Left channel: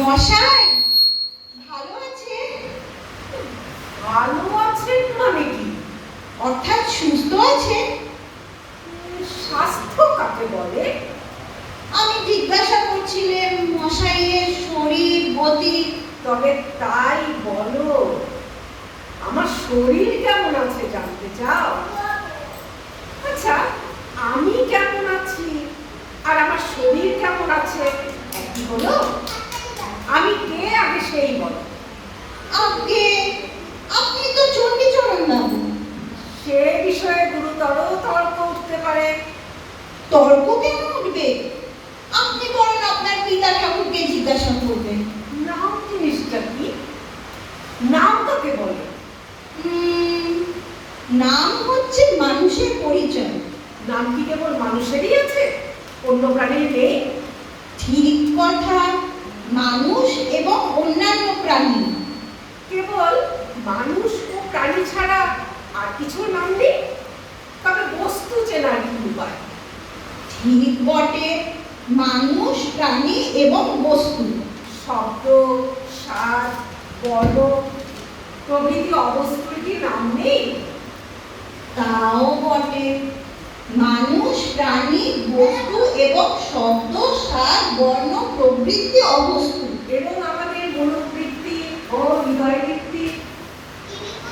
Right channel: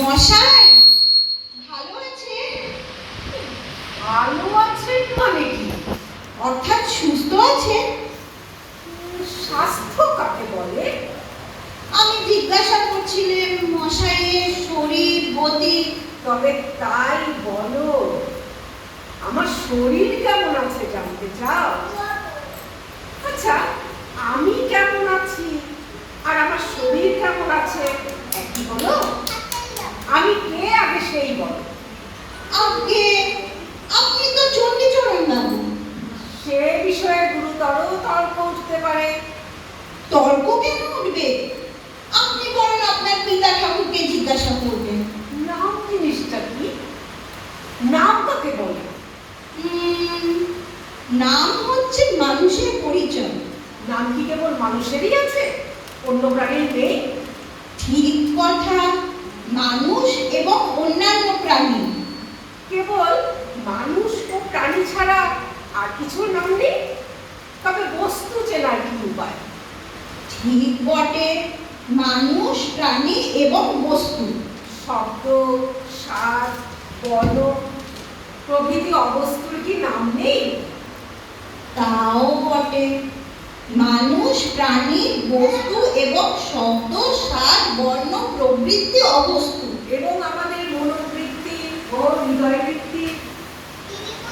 মশাই ভালো আছে? ভালো আছেন মানে কি? অর্থাৎ সুস্থ আছে? স্বাস্থ্য কাকে বলে? আমি জিজ্ঞাসা করছিলাম মশাইয়ের শরীর গতি। তবে তাই বলো, আমার শরীর কেমন আছে জানতে চাও? আচ্ছা, আমি কেমন আছি আর আমার শরীর কেমন আছে একই হলো? আমি কে আগে সেই বলো। আগে আপনি তো চণ্ডীচরণ বাবু। সে বিষয়ে গুরুতর তর্ক উঠতে পারে। তর্ক কেন উঠবে? আপনি বরং আপনার পিতা ঠাকুরকে জিজ্ঞাসা করবেন। নাম জিনিসটা কি? নাম কাকে বলে? নাম হচ্ছে মানুষের পরিচয়। নাম কি কেবল মানুষেরই আছে, অন্য প্রাণীর নেই? ঠিক কথা, মানুষ এবং অন্যান্য প্রাণী। কেবল মানুষ ও প্রাণী ছাড়া আর কিছু নাম নেই? তবে বস্তু চেনার কি উপায়? ঠিক বটে, মানুষ প্রাণী এবং বস্তু। শব্দ, স্বাদ, বর্ণ প্রভৃতি অবস্তুর কি নাম নেই? তাও বটে, মানুষ প্রাণী বস্তু এবং শব্দ স্বাদ বর্ণ প্রভৃতি অবস্তু এবং আমাদের মনোবৃত্তি ও হৃদয় বৃত্তি,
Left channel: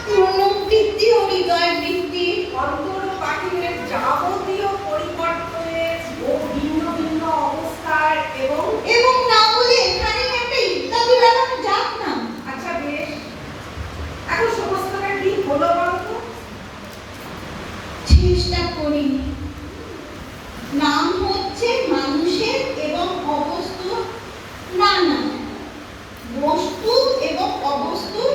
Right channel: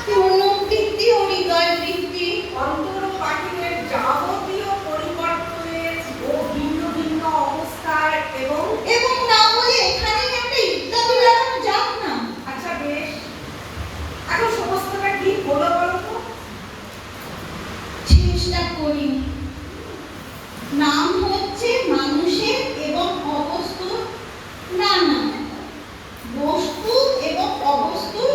মনোবৃত্তি ও হৃদয় বৃত্তি, অন্তর ও বাহিরের যাবতীয় পরিবর্তনের ও ভিন্ন ভিন্ন অবস্থার এবং এবং না বলে এখানেই একটা ইত্যাদি লাগানো যাক না? আচ্ছা বেশ, এখন সমস্তটা কি হলো বলতো? চেষ্টা করি। নাম হচ্ছে মানুষের এবং অবস্তুর নানা, বস্তু এবং অবস্তুর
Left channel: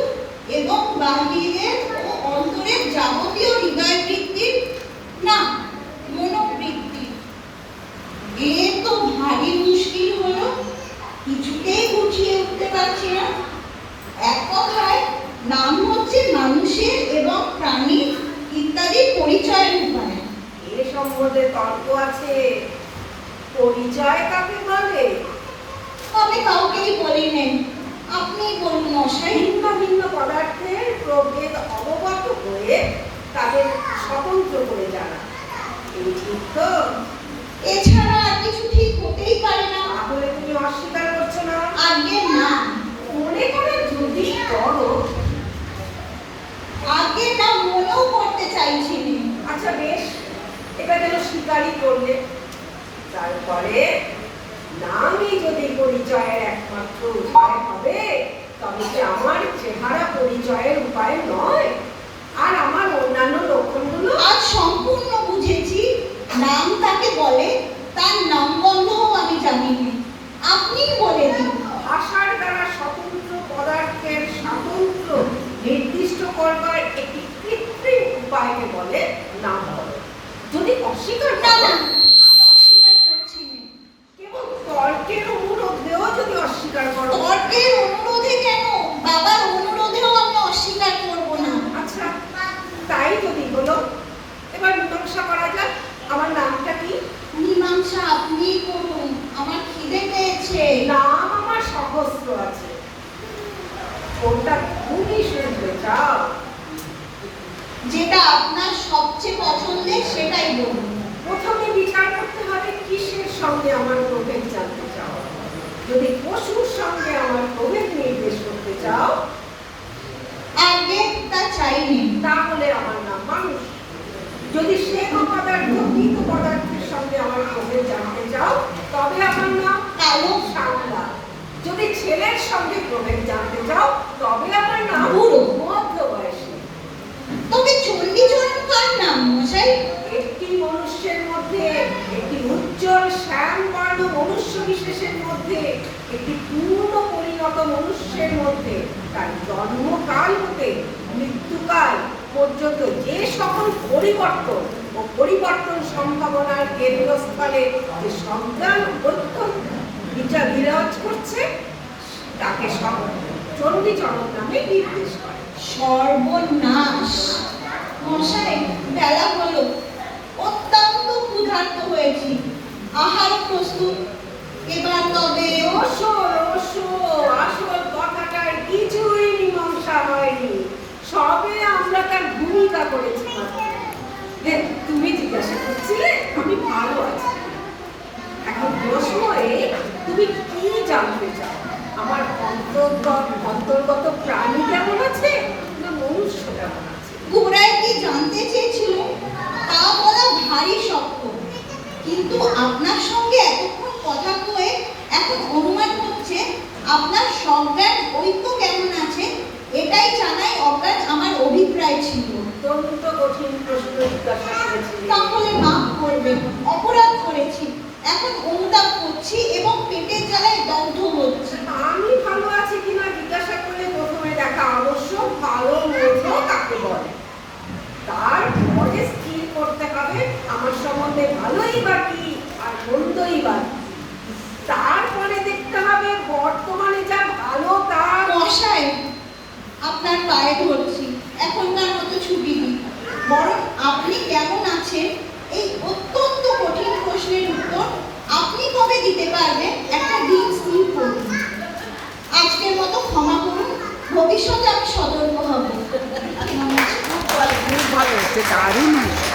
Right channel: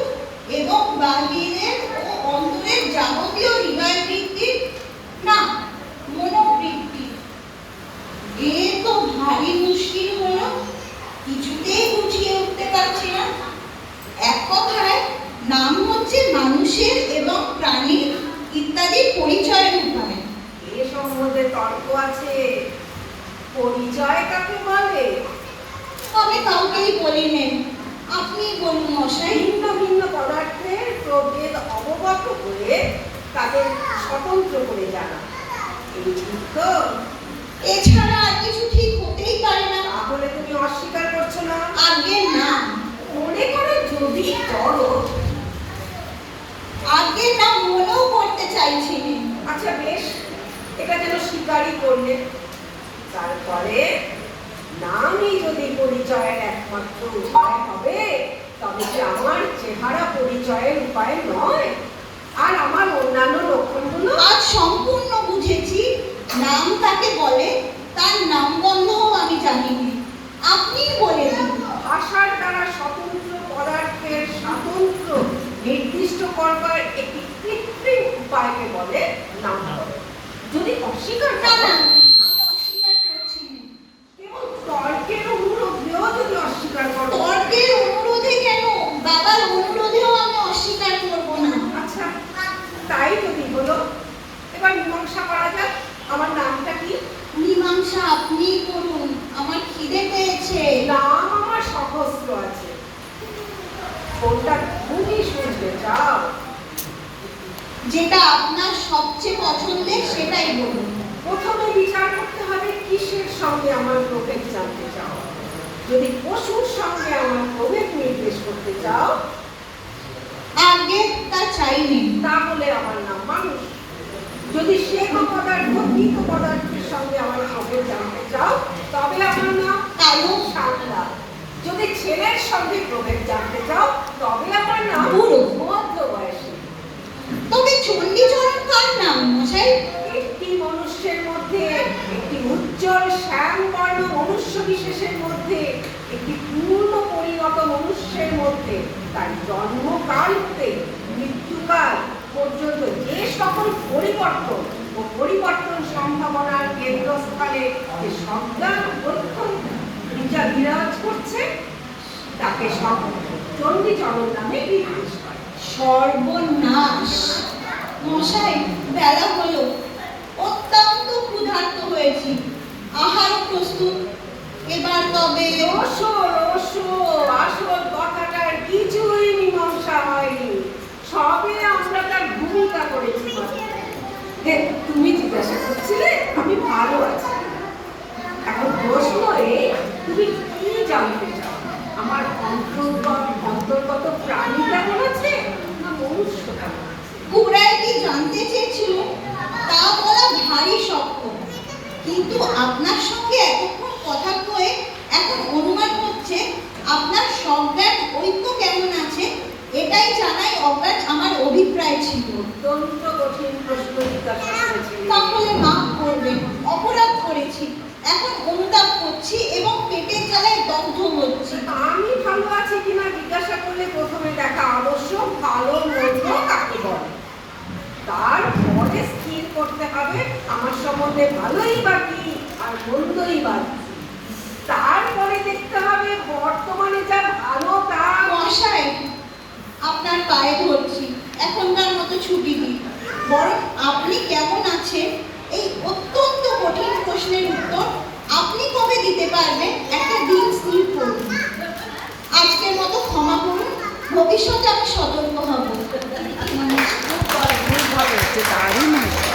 এবং বাহিরের ও অন্তরের যাবতীয় হৃদয় বৃত্তির না, মনোবৃত্তি। এ তো ভারী মুশকিল হলো, কিছুতেই গুছিয়ে উঠতে পারছি না। এক কথায় নাম হচ্ছে মানুষের এবং প্রাণীর ইত্যাদি পরিচয়ের উপায়। এ সম্বন্ধে তর্ক আছে। পরিচয় কাকে বলে? তবে কাউকেই বলিলেন, আপনি বলুন মশাই। ভিন্ন ভিন্ন পদার্থের প্রভেদ অবগত হয়ে তাদের স্বতন্ত্র করে জানা, এই ঠিক তো? এছাড়া আর কিছু ঠিক হতেই পারে না। তাহলে তুমি অস্বীকার করছো না? আগে না, মনে করো যদি করো। আগে না মনেও করতে চাইছিলেন। আচ্ছা বেশ, এটা যেন স্বীকারই করলে। তারপরে নামই যদি পরিচয়ের একমাত্র উপায় হবে, তবে কি আমার চেহারা পরিচয়ের উপায় নয়? আর আমার অন্যান্য লক্ষণগুলো? আজ সম্পূর্ণ বুঝেছি নাম কাকে বলে, তার নামগন্ধও আমি জানি না। আপনি বলে দিন। ভাষার দ্বারা স্বতন্ত্র পদার্থের স্বাতন্ত্র্য নির্দিষ্ট করবার একটি কৃত্রিম উপায়কে বলে নাম বলে। যদি অস্বীকার না করো, না, আমি অস্বীকার করছি না। কেবল তর্কের অনুরোধেও যদি অস্বীকার করো। তর্কের অনুরোধে কেন, বাবার অনুরোধেও আমি অস্বীকার করব না। আচ্ছা তাই যদি বলো, এবার মীমাংসা করা যাক। আমার নামটা কি? মীমাংসা আপনিই করুন, আমার খিদে পেয়েছে। নাম আমার সহস্র আছে, কোনটা তুমি শুনতে চাও? যেটা আপনার সবচেয়ে পছন্দের সেটাই বলুন। প্রথমে বিচার করতে হবে কিসের সঙ্গে আমার প্রভেদ জানতে চাও। যদি পশুর সঙ্গে আমার প্রভেদ নির্দেশ করতে চাও, আগে তা চাইনি। তাহলে আমার নাম মানুষ। যদি শ্বেত পদার্থ মৃত পদার্থের সঙ্গে আমার প্রভেদ জানতে চাও, তবে আমার নাম কালো শাপলা। যদি ছেলের সঙ্গে প্রভেদ জানতে চাও, তবে আমার নাম বুড়ো। মধ্যবয়সী। তবে চণ্ডীচরণ কার নাম মশাই? একটি মনুষ্যের মধ্যে, একটি উজ্জ্বল শ্যামবর্ণ মনুষ্য বিশেষের মধ্যে, একটি পূর্ণ পরিণত মনুষ্যের মধ্যে তার জন্মকাল হতে মৃত্যুকাল পর্যন্ত যে সকল পরিবর্তন ও পরিবর্তন সম্ভাবনার কেন্দ্রস্থলে যে সন্তান বিচার বিরাজ করছে, তাকে সব চণ্ডীচরণ নামে নির্দেশ করে। সর্বনাশ! মশাই, বেলা হলো, অত্যন্ত ক্ষুধার্ত হয়েছি। আহার প্রস্তুত, এবার তবে রসো রসো, আসল কথাটার কিছুই মীমাংসা হয়নি, সবে আমরা তার ভূমিকা করেছি। তুমি জিজ্ঞাসা করছিলে আমি ভালো আছি, এখন প্রশ্ন তুমি কি জানতে চাও? আমার অন্তর্গত প্রাণী কেমন আছে না মনুষ্য কেমন আছে? গোড়ায় কি জানতে চেয়েছিল তা বলা ভারী শক্ত, কিন্তু আপনার সঙ্গে এতক্ষণ কথা কয়ে এখন অনুমান হচ্ছে আপনার সজ্ঞান ঐক্য কেমন আছে, এটাই জানাই অজ্ঞান আমার অভিপ্রায় ছিল। অত্যন্ত কঠিন প্রশ্ন জিজ্ঞাসা করেছি। তাহলে মাফ করবেন, অপরাধ করেছি, এখন অনুতাপ করছি এবং পেটের জ্বালায় দগ্ধ হচ্ছি। আমি ভালো আছি কিনা জিজ্ঞাসা করলে প্রথমে দেখা আবশ্যক ভালো মন্দ কাকে বলে, তারপরে স্থির করতে হবে আমার সম্বন্ধে ভালোই বা কি আর মন্দই বা কি। তারপরে দেখতে হবে বর্তমানে যা ভালো তা। মশাই, আপনার পায়ে ধরছি, এখনকার মতো ছুটি দিন, বরং আপনি কেমন আছেন এই অত্যন্ত কঠিন প্রশ্নের উত্তর আপনি কবে দিতে পারবেন একটা দিন স্থির করুন। আজকের মতো ক্ষমা করুন, ভবিষ্যতে আমি সতর্ক হব। খুব ভালো হচ্ছে, দারুণ হয়েছে।